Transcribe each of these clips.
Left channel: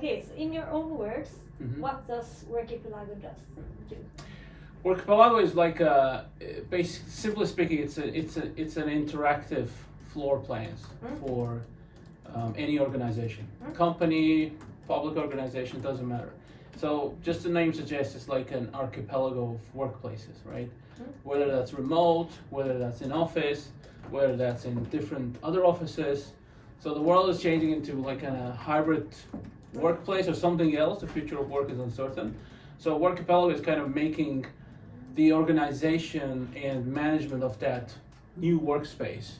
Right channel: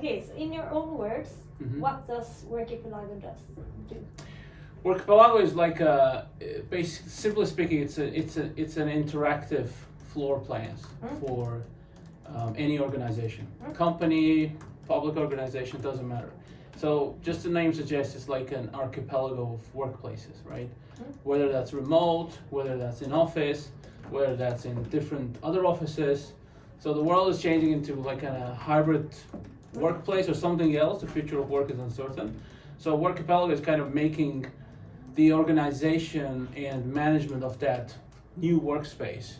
Okay, so in your own words, what does Workipelago do? Workipelago is like simply speaking, it's an interactive floor plans for any organization, company, public organization, doesn't matter. So just the name suggests, it's like an archipelago of workplaces, right? Whether that's remote, whether that's in office, whether that's in different other offices. So the world is changing into like a hybrid workplace or something else. The future of work is uncertain. So Workipelago is kind of making the organization and management of that new workspace.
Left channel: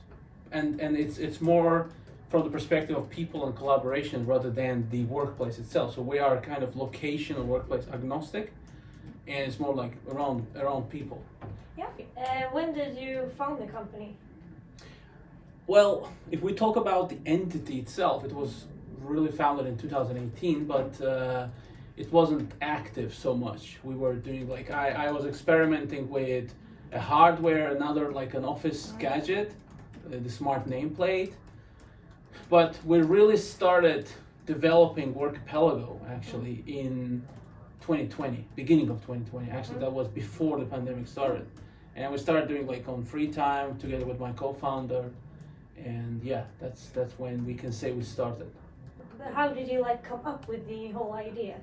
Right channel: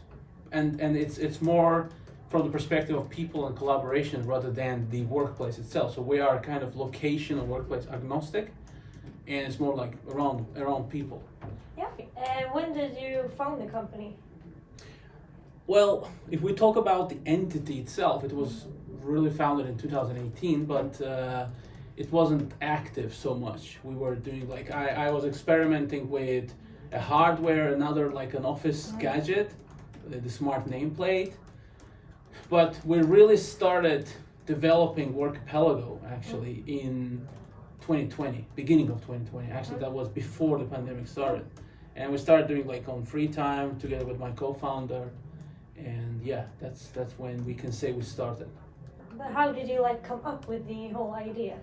And it's more from the perspective of people and collaboration rather than the workplace itself. So we are kind of location or workplace agnostic, and it's more like around people. Yeah. When did you found the company? Well, if we talk about the entity itself, it was really founded in 2018, but it wasn't active so much. We were doing like, I was experimenting with a hardware, another like an office gadget, the smart nameplate. But we really started developing Workipelago actually in 2020, beginning of 2020. Actually, that was before the pandemic started. And we started doing like on free time together with my co-founder. And yeah, that's when we can say we started. How did you like come up with the whole idea?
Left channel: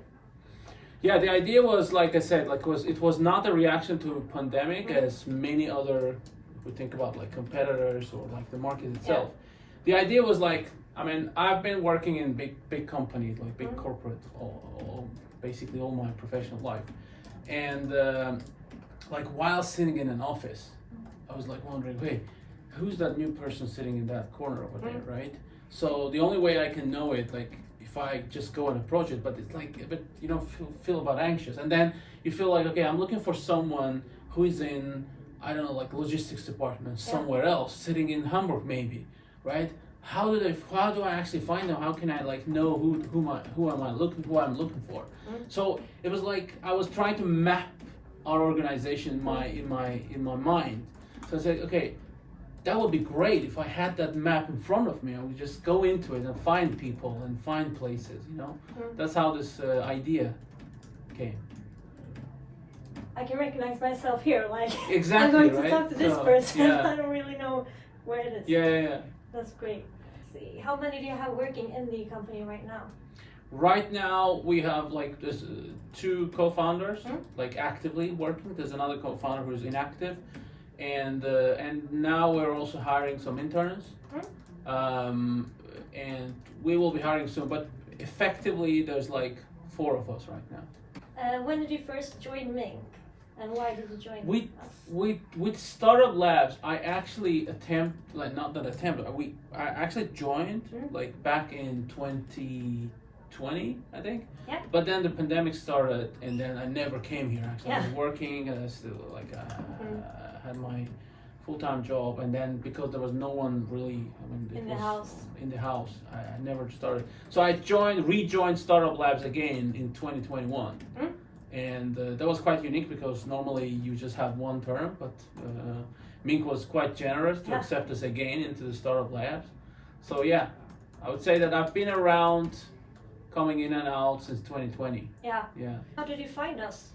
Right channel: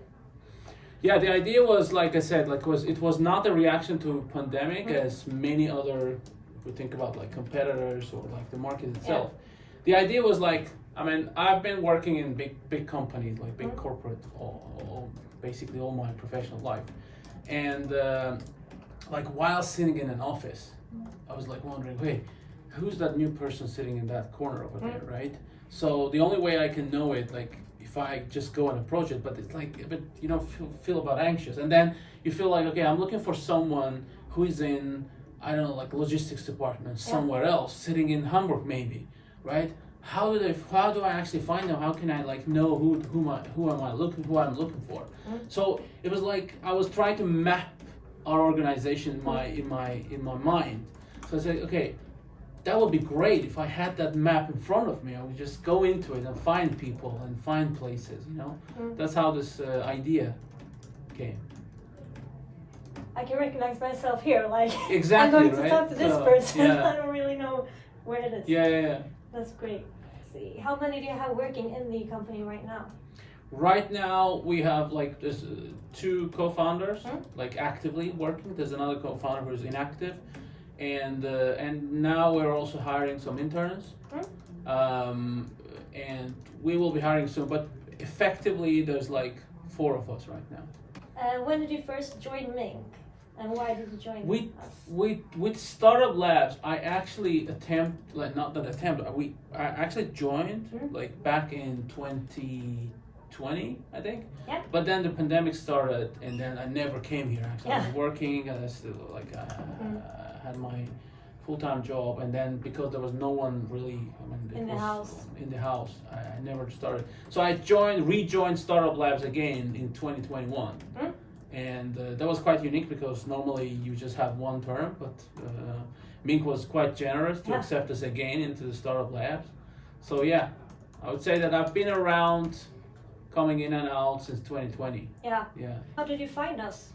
Yeah, the idea was, like I said, it was not a reaction to pandemic as many other, if we think about like competitors or like the market itself. Yeah. The idea was like, I mean, I've been working in big companies, like big corporate, basically all my professional life. And like while sitting in an office, I was like wondering, hey, who's that new person sitting in that corner over there, right? So the only way I can know it, like if I just go and approach it, but it's like, but you don't feel about anxious. And then you feel like, okay, I'm looking for someone who is in, I don't know, like logistics department somewhere else, sitting in Hamburg maybe, right? How do I actually find them? How can I like know who I'm looking for? So it was like I was trying to map our organization in my mind. So I said, okay, that would be great if I had that map in front of me. I would just go into it and find people and find places, you know? That's how this idea came. I can recognize myself here, like exactly, I'm going to talk to this person. Yeah. I don't really know where it is. Yeah. That's great. Let's see, how many do you have working in the company right now? Right now we have like this two co-founders like actively working. There's another co-founder who's inactive, and now we're also hiring some interns, and we will be hiring soon. But effectively, there's like 4 of us right now. When did you first join MINC, and why did you join us? With Startup Labs, I actually I actually joined like back in 2020, I think. Yeah. But then the pandemic started, and then I never came here. Actually, I was working, and I still like had my full-time job, and then because there was no one really, in the house, I never started. So I rejoined Startup Labs again in 2021. And that was quite unique because normally you just have one term, but MINC was quite generous to accept us again into the Startup Labs. So yeah, I would say that I've been around, coming in and out since 2020. Yeah. How did you find us?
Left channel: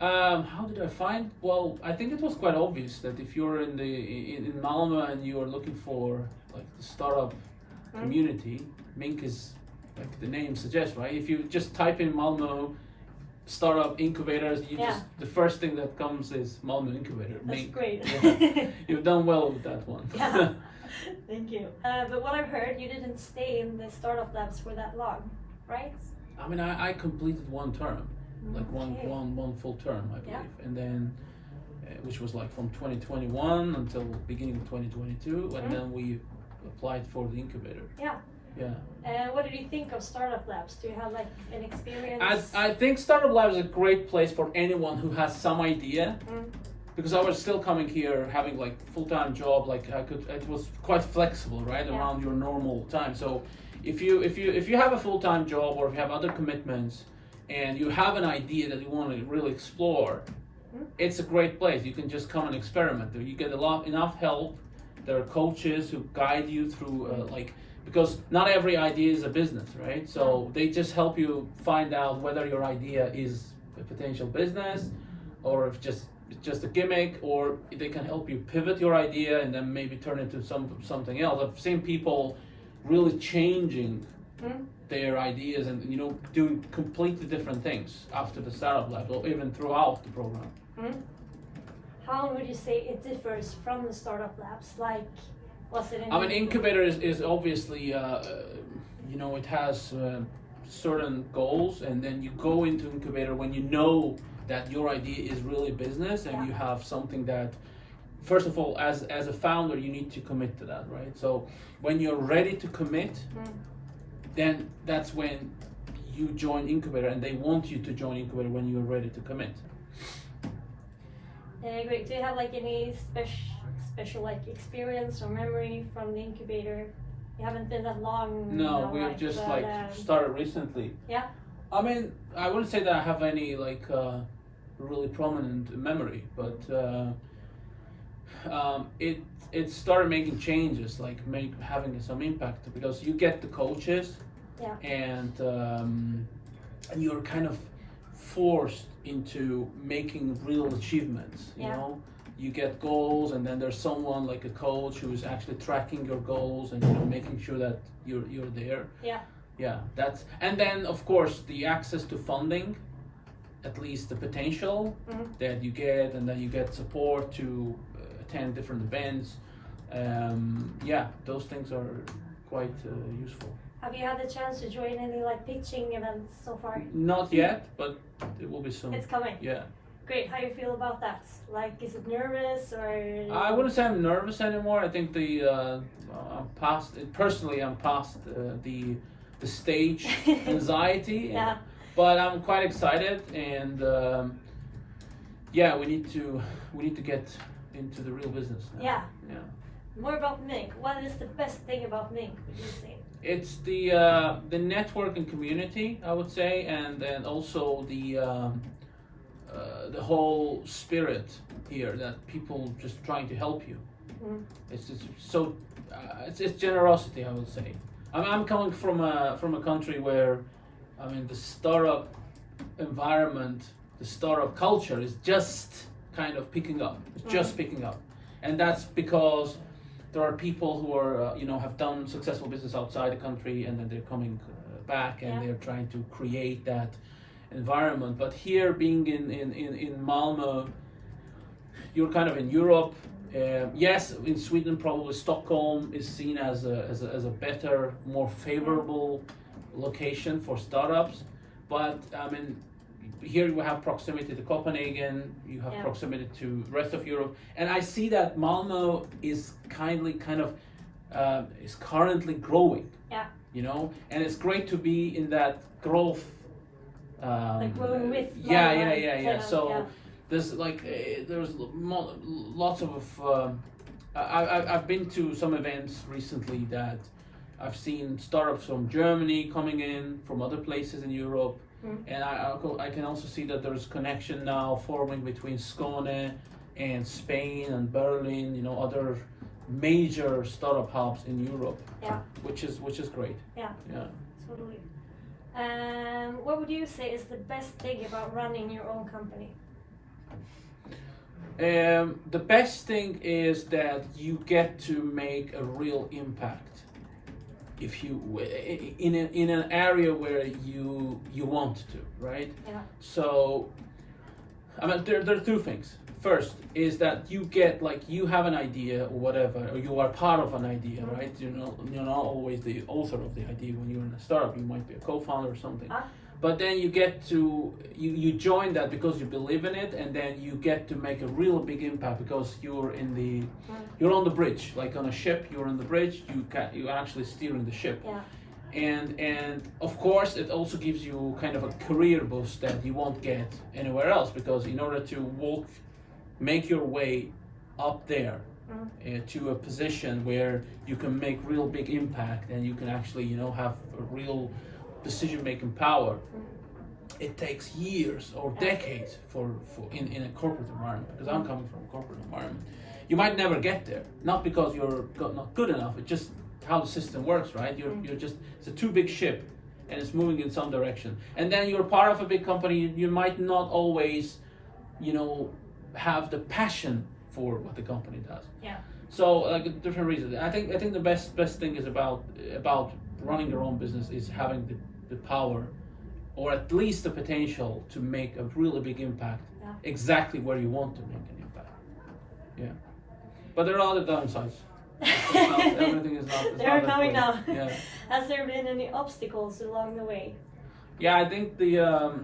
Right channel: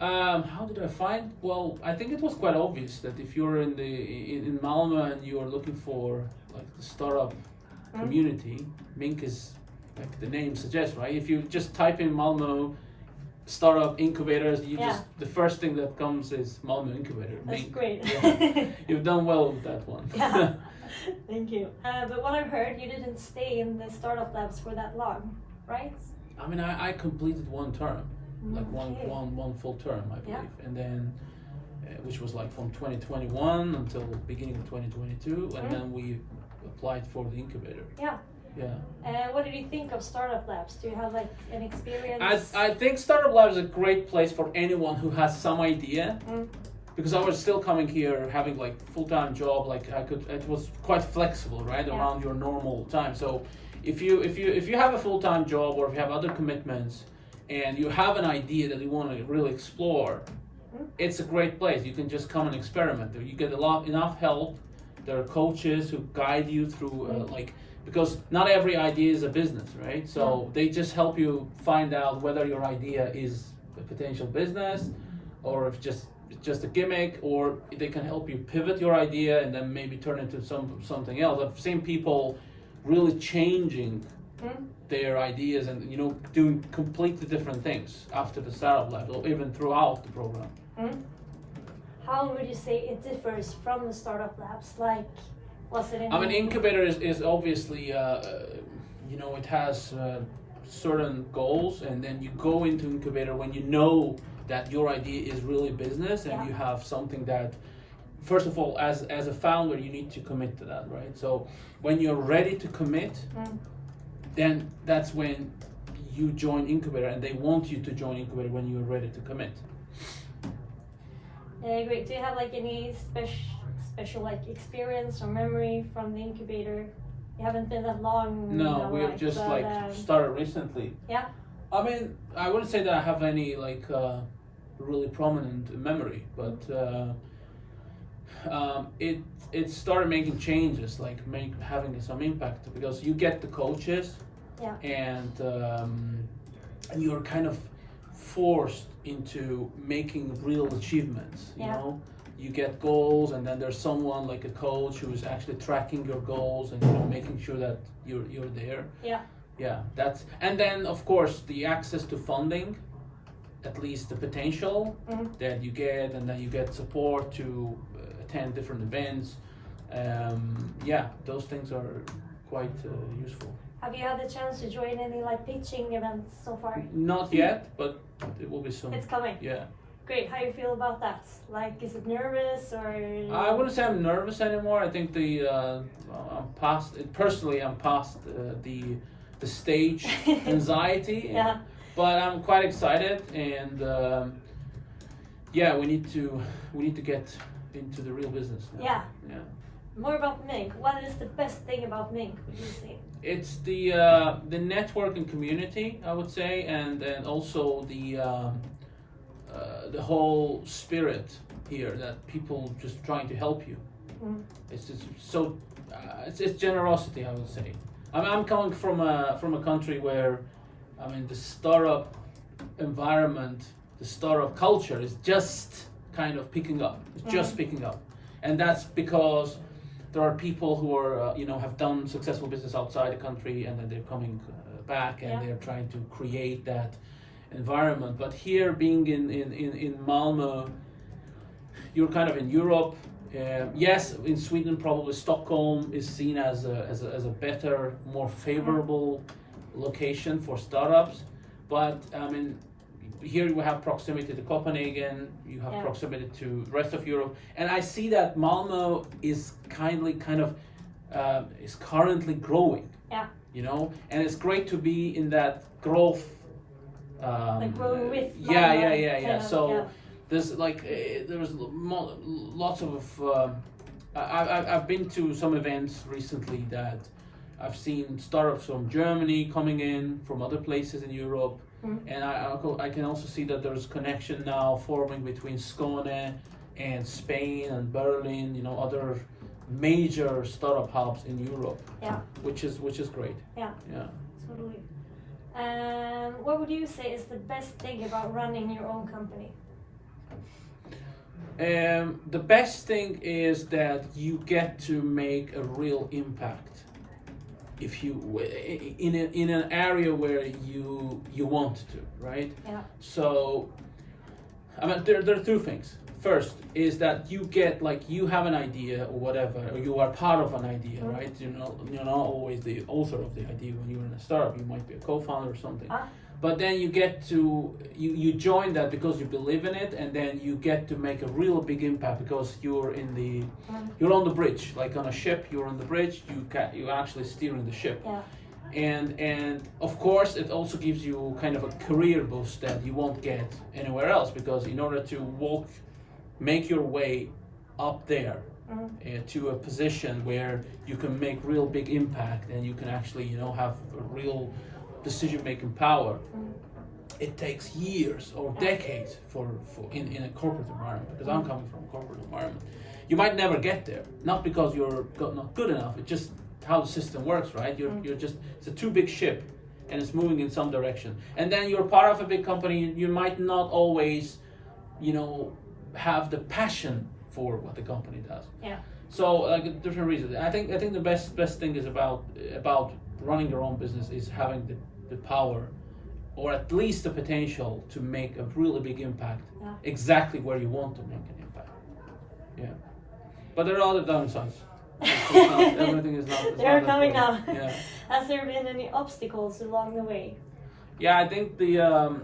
How did I find? Well, I think it was quite obvious that if you're in Malmö and you are looking for like the startup community, MINC is like the name suggests, right? If you just type in Malmö startup incubators, the first thing that comes is Malmö Incubator. That's MINC. Great. Yeah. You've done well with that one. Yeah. Thank you. But what I've heard, you didn't stay in the Startup Labs for that long, right? I mean, I completed one term, like one full term, I believe, and then which was like from 2021 until beginning of 2022, and then we applied for the incubator. Yeah. What did you think of Startup Labs? Do you have like an experience? I think Startup Labs is a great place for anyone who has some idea. Because I was still coming here having like full-time job, like it was quite flexible, right, around your normal time. So if you have a full-time job or if you have other commitments and you have an idea that you want to really explore, it's a great place. You can just come and experiment. You get enough help, There are coaches who guide you through because not every idea is a business, right? So they just help you find out whether your idea is a potential business, or if it's just a gimmick, or they can help you pivot your idea and then maybe turn it into something else. I've seen people really changing their ideas and doing completely different things after the startup lab, or even throughout the program. How would you say it differs from the startup labs? Like, what's it in? I mean, incubator is obviously it has certain goals, and then you go into incubator when you know that your idea is really business, and you have something that, first of all, as a founder, you need to commit to that, right? So when you're ready to commit, then that's when you join incubator, and they want you to join incubator when you're ready to commit. Yeah, great. Do you have like any special like experience or memory from the incubator? You haven't been that long. No, we have just started recently. Yeah. I mean, I wouldn't say that I have any really prominent memory, but it started making changes, having some impact, because you get the coaches, and you're kind of forced into making real achievements. You know, you get goals, and then there's someone like a coach who is actually tracking your goals and making sure that you're there. Yeah, and then of course the access to funding, at least the potential that you get, and then you get support to attend different events. Those things are quite useful. Have you had the chance to join any pitching events so far? Not yet, but it will be soon. It's coming. Yeah. Great. How do you feel about that? Is it nervous or? I wouldn't say I'm nervous anymore. I think I'm past it. Personally, I'm past the stage anxiety. But I'm quite excited, and we need to get into the real business now. Yeah. More about MINC. What is the best thing about MINC, would you say? It's the network and community, I would say, and also the whole spirit here, that people just trying to help you. It's just so it's generosity, I would say. I'm coming from a country where, I mean, the startup environment, the startup culture is just kind of picking up. It's just picking up, and that's because there are people who are have done successful business outside the country, and then they're coming back, and they're trying to create that environment. But here, being in Malmö, you're kind of in Europe. Yes, in Sweden, probably Stockholm is seen as a better, more favorable location for startups. But I mean, here you have proximity to Copenhagen, you have proximity to the rest of Europe, and I see that Malmö is is currently growing. And it's great to be in that growth. Growing with. So there's lots of. I've been to some events recently that I've seen startups from Germany coming in, from other places in Europe. And I can also see that there's connection now forming between Skåne and Spain and Berlin, other major startup hubs in Europe, which is great. Totally. What would you say is the best thing about running your own company? The best thing is that you get to make a real impact. If you in an area where you want to, right? So, I mean, there are two things. First is that you get you have an idea or whatever, or you are part of an idea, right? You're not always the author of the idea when you're in a startup. You might be a co-founder or something. But then you get to you join that because you believe in it, and then you get to make a real big impact because you're on the bridge, like on a ship. You're on the bridge. You're actually steering the ship, and of course it also gives you kind of a career boost that you won't get anywhere else, because in order to make your way up there to a position where you can make real big impact and you can actually have a real decision-making power, it takes years or decades for in a corporate environment, because I'm coming from a corporate environment. you might never get there, not because you're not good enough. It's just how the system works, right? You're just, it's a too big ship, and it's moving in some direction. And then you're part of a big company. You might not always, have the passion for what the company does. Yeah. So like different reasons. I think the best thing is about running your own business is having the power, or at least the potential to make a really big impact exactly where you want to make an impact. Yeah. But there are other downsides. Everything is not. They are coming now. Yeah. Has there been any obstacles along the way? Yeah, I think there's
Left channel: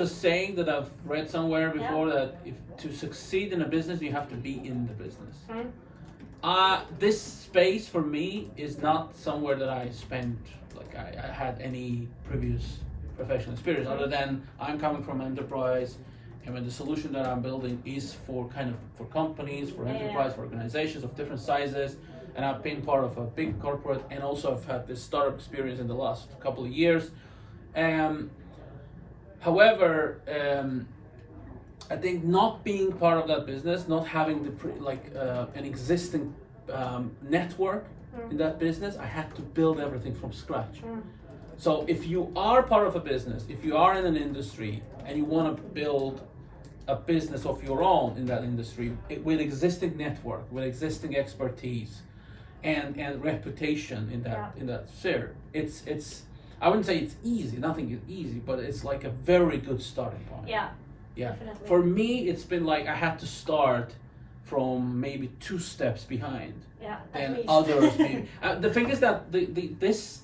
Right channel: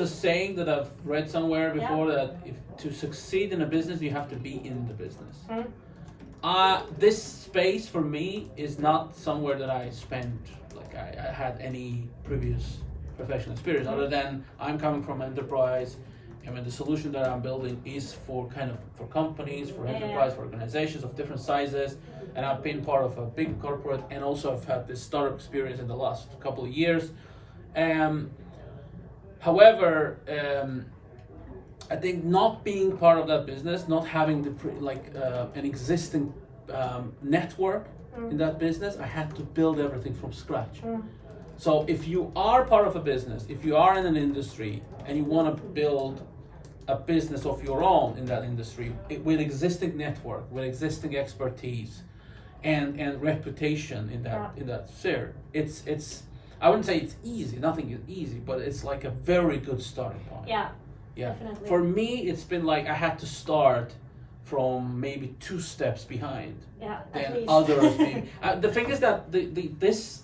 a saying that I've read somewhere before that if to succeed in a business, you have to be in the business. This space for me is not somewhere that I spent, like I had any previous professional experience other than I'm coming from enterprise. I mean, the solution that I'm building is for companies, for enterprise, for organizations of different sizes. And I've been part of a big corporate, and also I've had this startup experience in the last couple of years. However, I think not being part of that business, not having an existing network in that business, I had to build everything from scratch. So if you are part of a business, if you are in an industry and you want to build a business of your own in that industry with existing network, with existing expertise and reputation in that sphere, it's I wouldn't say it's easy, nothing is easy, but it's like a very good starting point. Yeah. Definitely. For me, it's been like I had to start from maybe 2 steps behind than others maybe. The thing is that this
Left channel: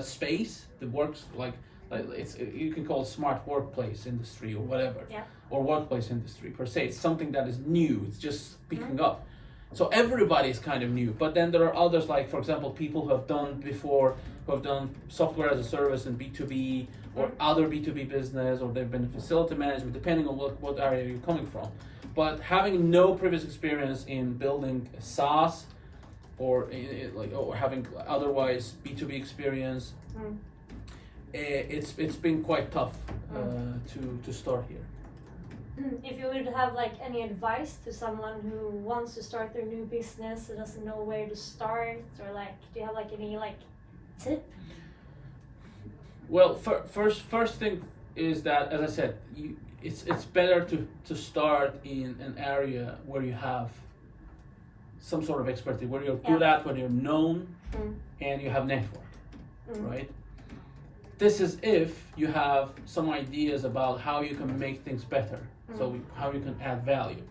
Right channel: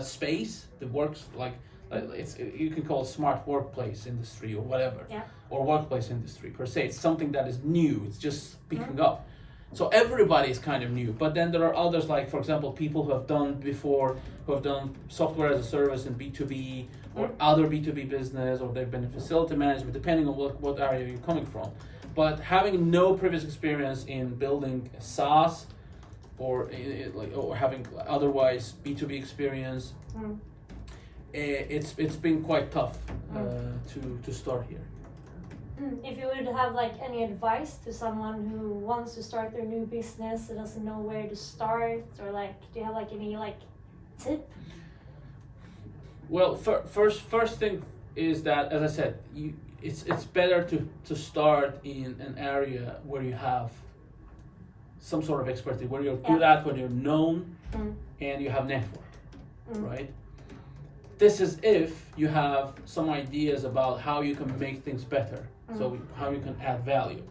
space, the works like it's you can call it smart workplace industry or whatever, or workplace industry per se. It's something that is new. It's just picking up. So everybody is kind of new, but then there are others, like for example, people who have done software as a service in B2B or other B2B business, or they've been in facility management, depending on what area you're coming from. But having no previous experience in building a SaaS or having otherwise B2B experience, it's been quite tough to start here. If you would have like any advice to someone who wants to start their new business and doesn't know where to start, or like, do you have like any like tip? Well, first thing is that, as I said, it's better to start in an area where you have some sort of expertise, where you're good at, where you're known, and you have network, right? This is if you have some ideas about how you can make things better, so how you can add value.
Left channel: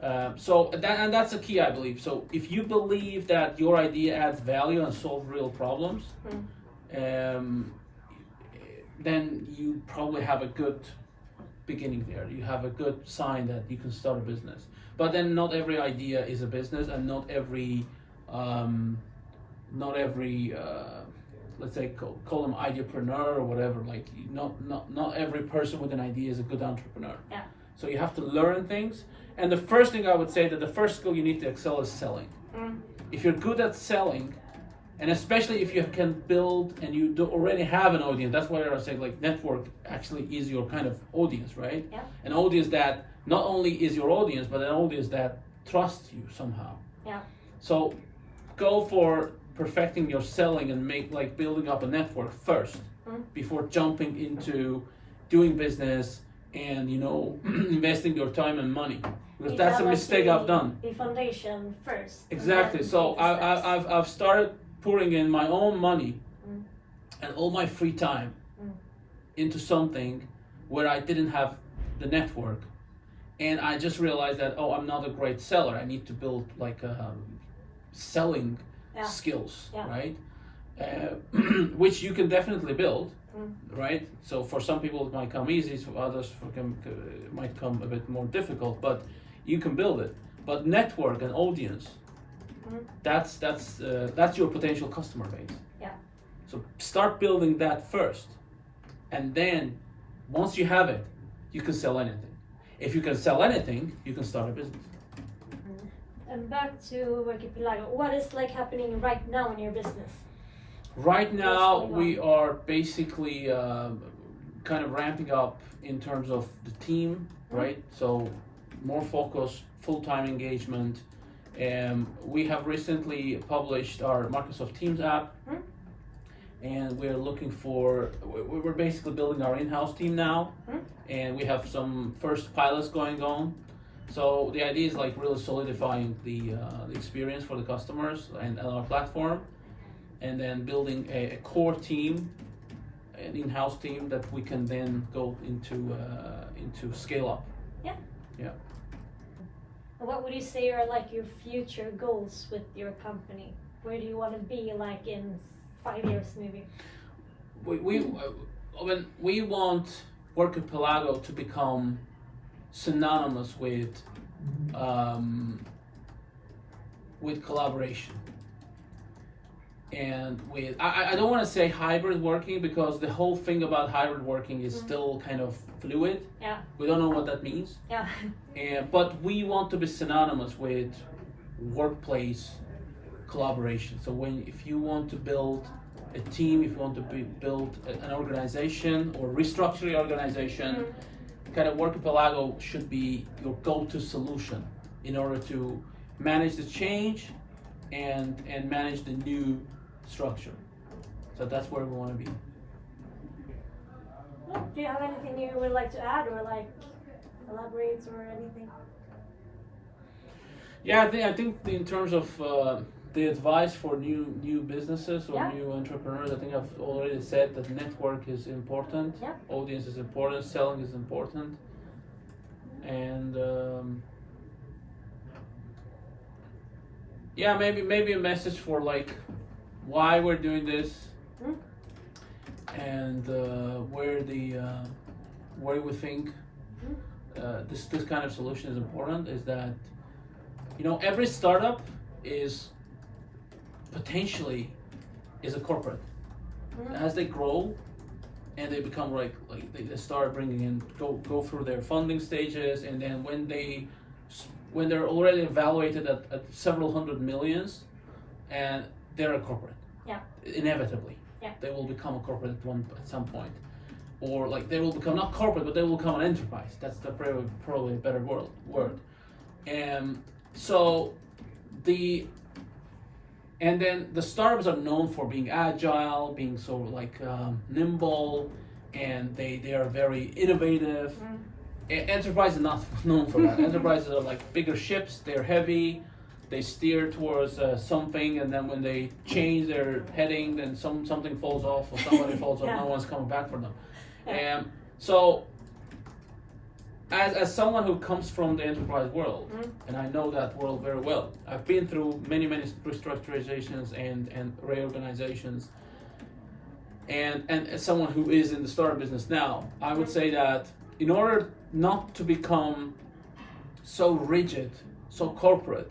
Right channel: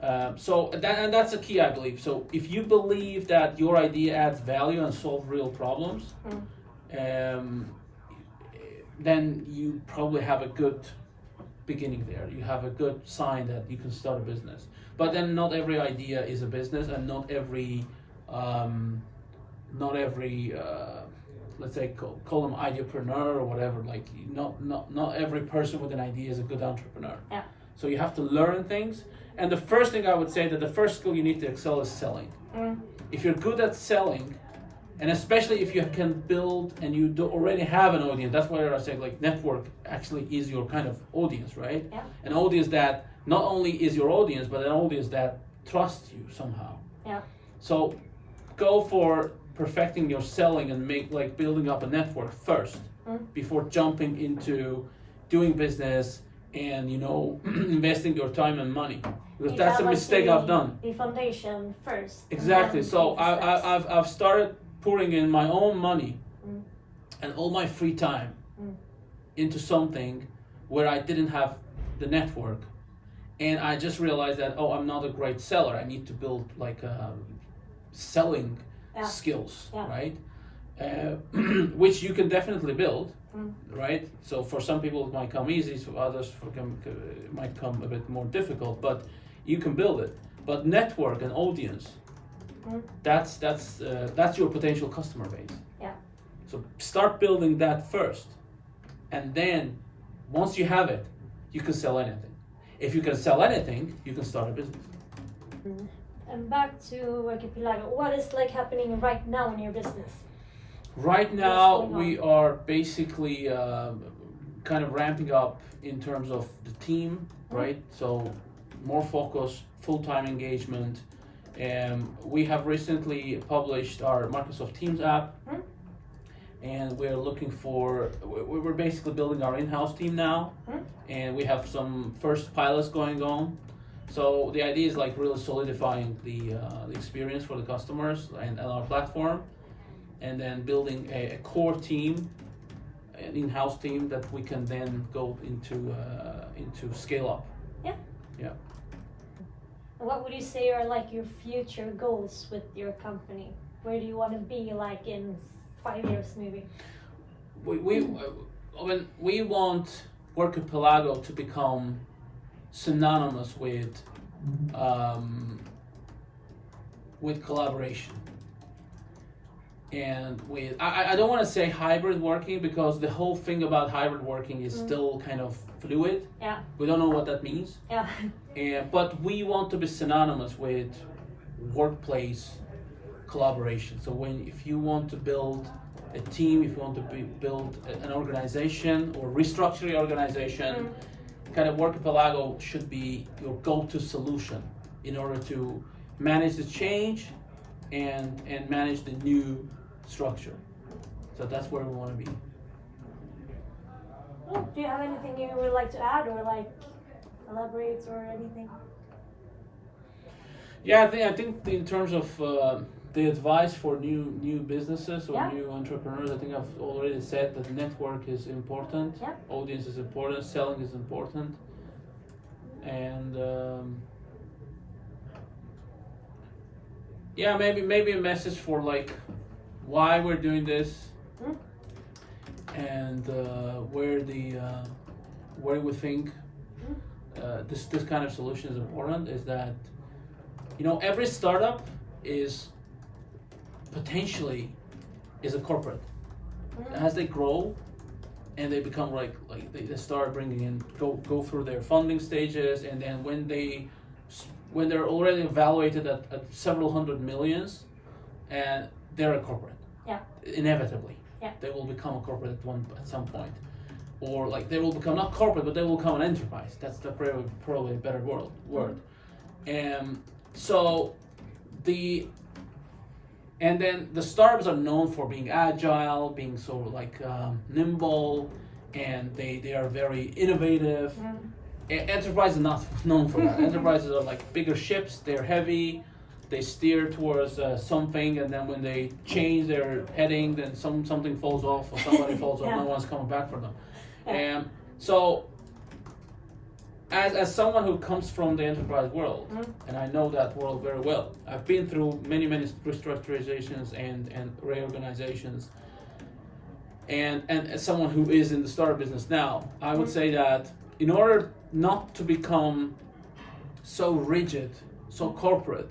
That's a key, I believe. So if you believe that your idea adds value and solves real problems, then you probably have a good beginning there. You have a good sign that you can start a business. But then not every idea is a business, and not every let's say call them ideapreneur or whatever. Like not every person with an idea is a good entrepreneur. Yeah. So you have to learn things. And the first thing I would say that the first skill you need to excel is selling. If you're good at selling, and especially if you can build and you already have an audience, that's why I say like network actually is your kind of audience, right? Yeah. An audience that not only is your audience, but an audience that trusts you somehow. Yeah. So go for perfecting your selling and building up a network first before jumping into doing business and investing your time and money, because that's a mistake I've done. The foundation first. Exactly. So I've started pouring in my own money and all my free time into something where I didn't have the network, and I just realized that I'm not a great seller. I need to build selling skills, right? Which you can definitely build, right? So for some people it might come easy, for others it might come a bit more difficult, but you can build it. But network and audience, that's your potential customer base. Yeah. So start building that first, and then once you have it, you can sell anything. If you can sell anything, you can start a business. And back to Workipelago, what is happening right now in your business? Right now, we are basically kind of ramping up in terms of the team, right? So more focus, full-time engagement. We have recently published our Microsoft Teams app, and we're looking for, we're basically building our in-house team now, and we have some first pilots going on. So the idea is like really solidifying the experience for the customers and our platform, and then building a core team, an in-house team that we can then go into scale up. Yeah. Yeah. What would you say are like your future goals with your company? Where do you want to be like in 5 years maybe? We want Workipelago to become synonymous with collaboration. And with, I don't want to say hybrid working, because the whole thing about hybrid working is still kind of fluid. Yeah. We don't know what that means. Yeah. But we want to be synonymous with workplace collaboration. So if you want to build a team, if you want to build an organization or restructure your organization, kind of Workipelago should be your go-to solution in order to manage the change and manage the new structure. So that's where we want to be. Well, do you have anything you would like to add or like elaborate or anything? Yeah, I think in terms of the advice for new businesses or new entrepreneurs, I think I've already said that network is important, audience is important, selling is important, and maybe a message for like why we're doing this, and where we think this kind of solution is important, is that every startup is potentially a corporate. As they grow and they become like they start bringing in, go through their funding stages, and then when they're already evaluated at several hundred millions, and they're a corporate. Yeah. Inevitably. Yeah. They will become a corporate at some point. Or like they will become not corporate, but they will become an enterprise. That's the probably better word. And so and then the startups are known for being agile, being so like nimble, and they are very innovative. Enterprises are not known for that. Enterprises are like bigger ships, they're heavy, they steer towards something, and then when they change their heading, then something falls off or somebody falls off, no one's coming back for them. And so as someone who comes from the enterprise world, and I know that world very well, I've been through many restructurizations and reorganizations, and as someone who is in the startup business now, I would say that in order not to become so rigid, so corporate,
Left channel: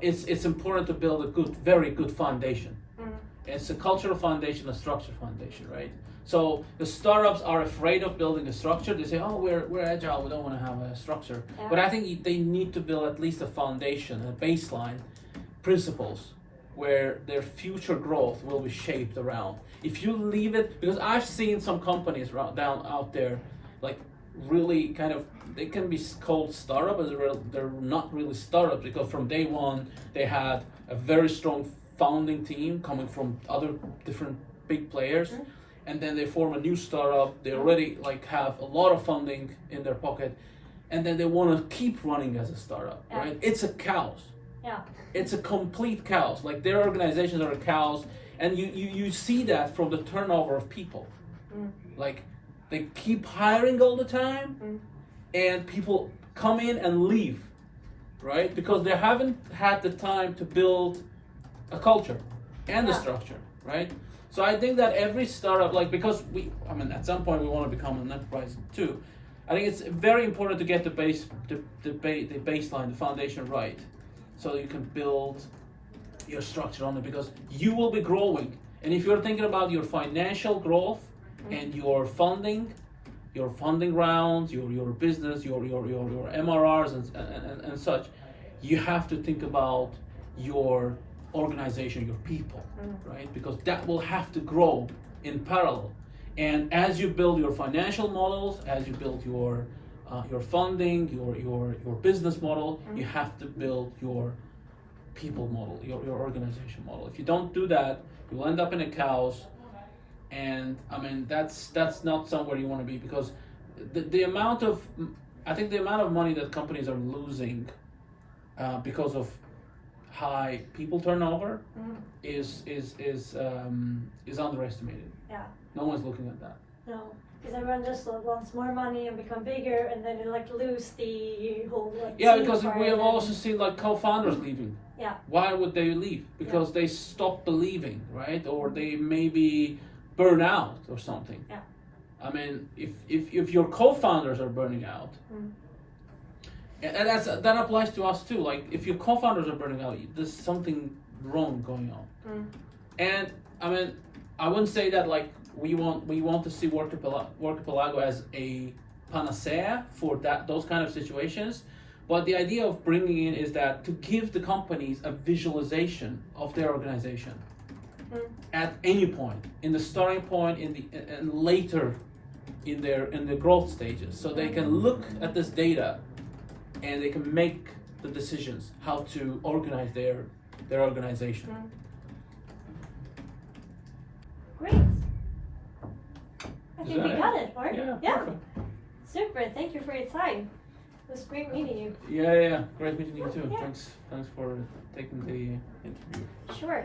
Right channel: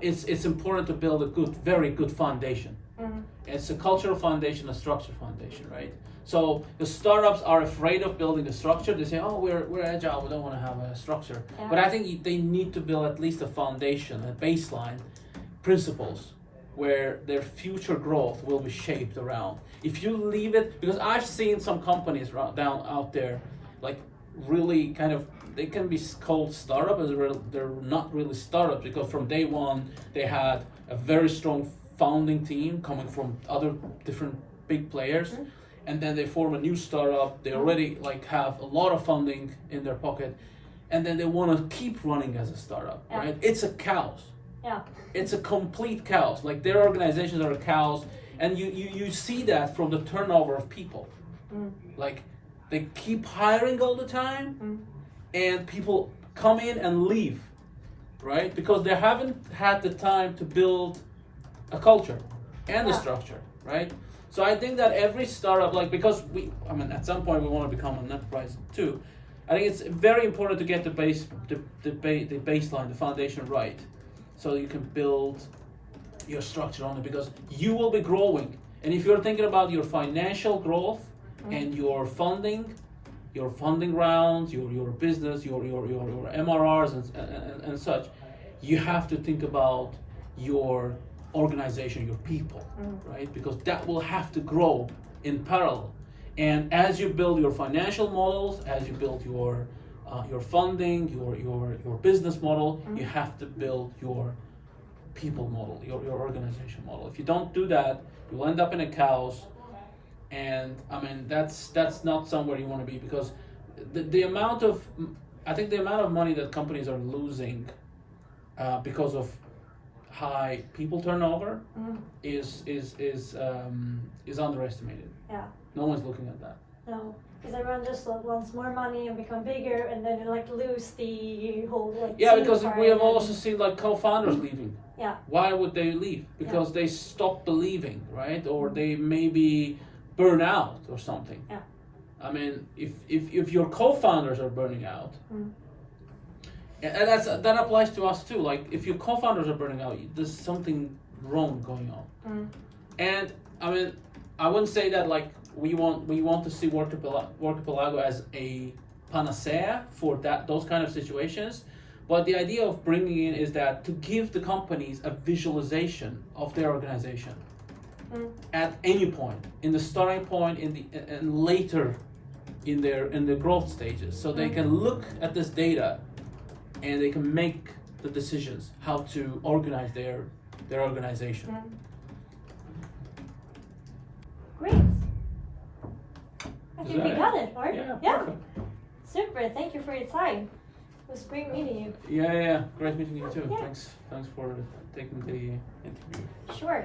it's important to build a very good foundation. It's a cultural foundation, a structure foundation, right? So the startups are afraid of building a structure. They say, "Oh, we're agile. We don't want to have a structure." Yeah. But I think they need to build at least a foundation, a baseline, principles, where their future growth will be shaped around. If you leave it, because I've seen some companies out there, like really kind of, they can be called startup, but they're not really startups, because from day one they had a very strong founding team coming from other different big players. And then they form a new startup. They already like have a lot of funding in their pocket, and then they want to keep running as a startup, right? It's a chaos. Yeah. It's a complete chaos. Like their organizations are a chaos, and you see that from the turnover of people. Like they keep hiring all the time, and people come in and leave, right? Because they haven't had the time to build a culture and a structure, right? So I think that every startup, because at some point we want to become an enterprise too. I think it's very important to get the baseline, the foundation right, so you can build your structure on it, because you will be growing. And if you're thinking about your financial growth and your funding rounds, your business, your MRRs and such, you have to think about your organization, your people, right? Because that will have to grow in parallel. And as you build your financial models, as you build your your funding, your business model. You have to build your people model, your organization model. If you don't do that, you'll end up in a chaos. And I mean, that's not somewhere you want to be, because the amount of money that companies are losing because of high people turnover is underestimated. Yeah. No one's looking at that. No, because everyone just wants more money and become bigger, and then you like lose the whole. Like, Yeah, team because part we have and- also seen like co-founders leaving. Yeah. Why would they leave? Because they stop believing, right? Or they maybe burn out or something. Yeah. I mean, if your co-founders are burning out, and that applies to us too. Like if your co-founders are burning out, there's something wrong going on. And I mean, I wouldn't say that like we want to see Workipelago as a panacea for those kind of situations. But the idea of bringing in is that to give the companies a visualization of their organization at any point, in the starting point, and later in the growth stages, so they can look at this data and they can make the decisions how to organize their organization. Great. I think we got it, Mark. Yeah. Perfect. Super. Thank you for your time. It was great meeting you. Yeah. Great meeting you too. Yeah. Thanks for taking the interview. Sure.